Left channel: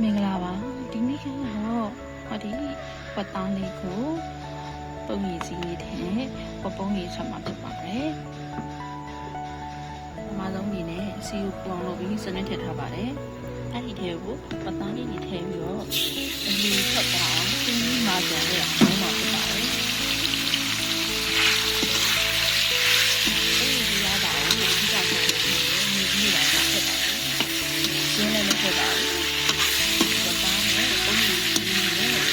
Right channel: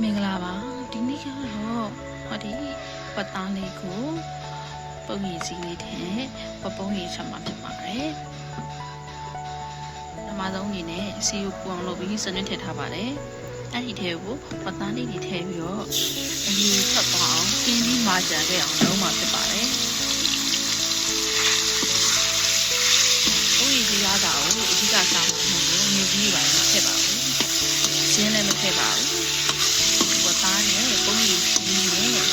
မင်္ဂလာပါဒီနေ့ကတော့ဟောဒီပတ်သားလေးကိုပုံရည်စီလေးနဲ့ပုံရည်ဆက်မှာဖြစ်ပါတယ်ပထမဆုံးအနေနဲ့စီကိုပူအောင်လုပ်ပြီးစနစ်ထည့်ထားပါတယ်အဲ့ဒီထဲကိုပတ်သားလေးတွေထည့်ပြီးတော့အရေးထွက်သွားအောင်ပြင်းပြီးမာကြတဲ့အောင်လုပ်မှာဖြစ်ပါတယ်ပုံရည်စီရတာကိုအဓိကစားမှာဖြစ်တယ်မြေကြီးတွေပိုင်းထည့်ပါဘူးကျင်းလည်းမထည့်ပါဘူးပုံရည်ကြီးနဲ့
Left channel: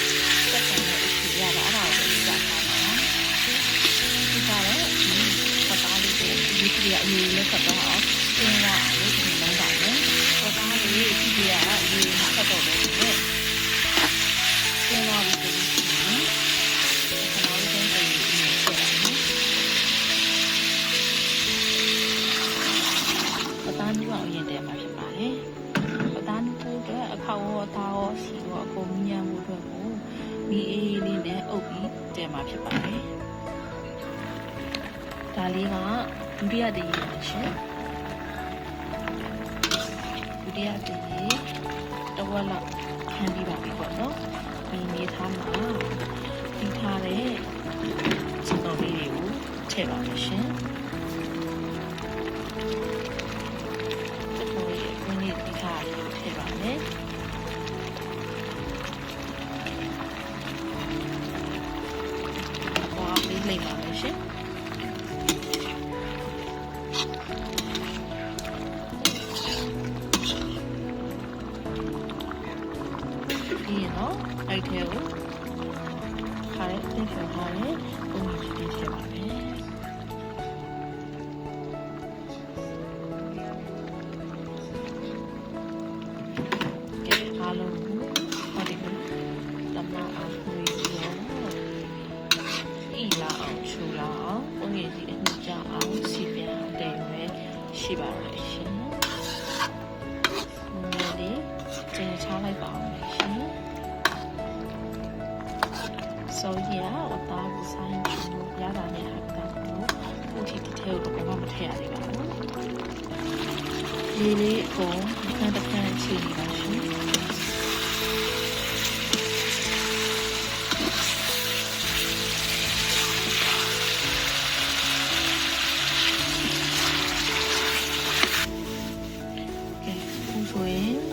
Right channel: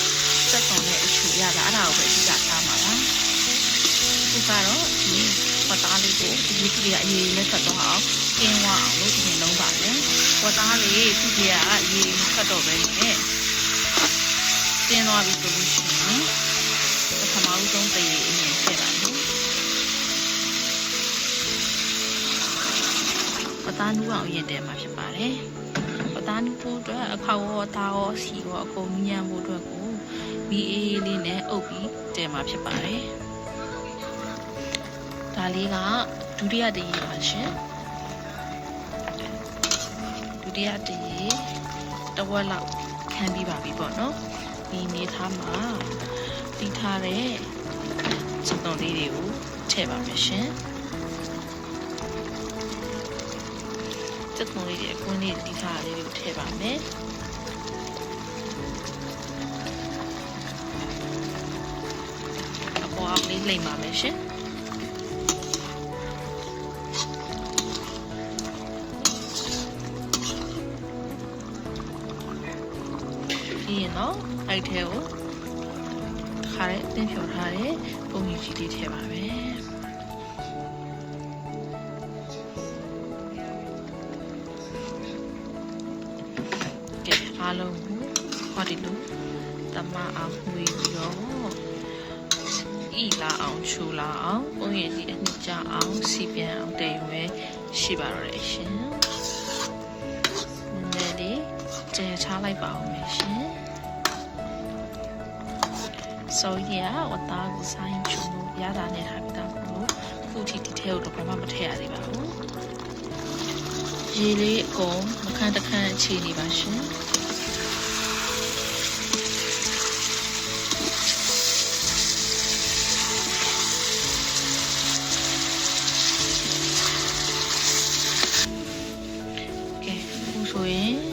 စက်ကောင်နဲ့အချီရတာအဲ့ဒါကိုပဲအဓိကထားမှာပါဒီကတော့ဒီဝတ်သားလေးကိုဒီကြီးကြီးကအရေးနဲ့ဖတ်တော့အောင်တင်းရအောင်လို့ဒီလုံးပါမယ်ဝတ်သားလေးဒီကြီးကအရေးနဲ့ဖတ်တော့ပဲနဲ့တင်းသွားပြီဆိုလို့ရှိရင်ပထမဆုံးတည်းအရင်ထည့်ပါမယ်ဝတ်သားနူးအောင်အရင်တည်းမှာဖြစ်ပါတယ်ပသားနုဖို့အတွက်အခေါက်ရောသားရောစီရောအကုန်ညံ့ဖို့အတွက်ကိုမီအေးလေးနဲ့အုပ်ပြီးတဲမှာဖြစ်ပါတယ်ဒါလေးကဒုတိယတရေပါရှင်ဒုတိယတရေတစ်ဝက်လောက်ခံပြီးပါပြီပေါ့နော်ဒီနေသားမှာတီးထားတဲ့စုံတော်လေးတွေကိုထည့်ပါမယ်ရှင်ပုံလေးရဲ့ကွင်းလေးတီးထားလေးကိုထည့်ပါမယ်အပေါ်အောင်လေးလိမ့်ပါမယ်ရှင်ပြီးရင်တော့အဲ့ထဲကိုခါတဲ့တင်ဖြောထားတဲ့ပုံကြီးလေးထည့်ပါမယ်အားလုံးကိုဟောဒီလိုတမအောင်ဝေပြီးတော့ဤလာအောင်ချူလာအောင်ပုံရည်စီအနှစ်ကြအောင်စီပြန်အောင်တည်ရွယ်ရှိပါတော့တယ်ရှင်နည်းနည်းလေးကျဲချလိုက်ပါအောင်မယ်ရှင်ဆိုရဝတ်သားကိုဆိုင်ချူလို့ရတာနဲ့ဟာပြီးတော့ခုထိဒီထဲကိုတော့ဘာမှမထည့်ရသေးပါဘူးရေလေးအကုန်မခန့်တခန့်အခြေနေပါရှင်ဆိုရင်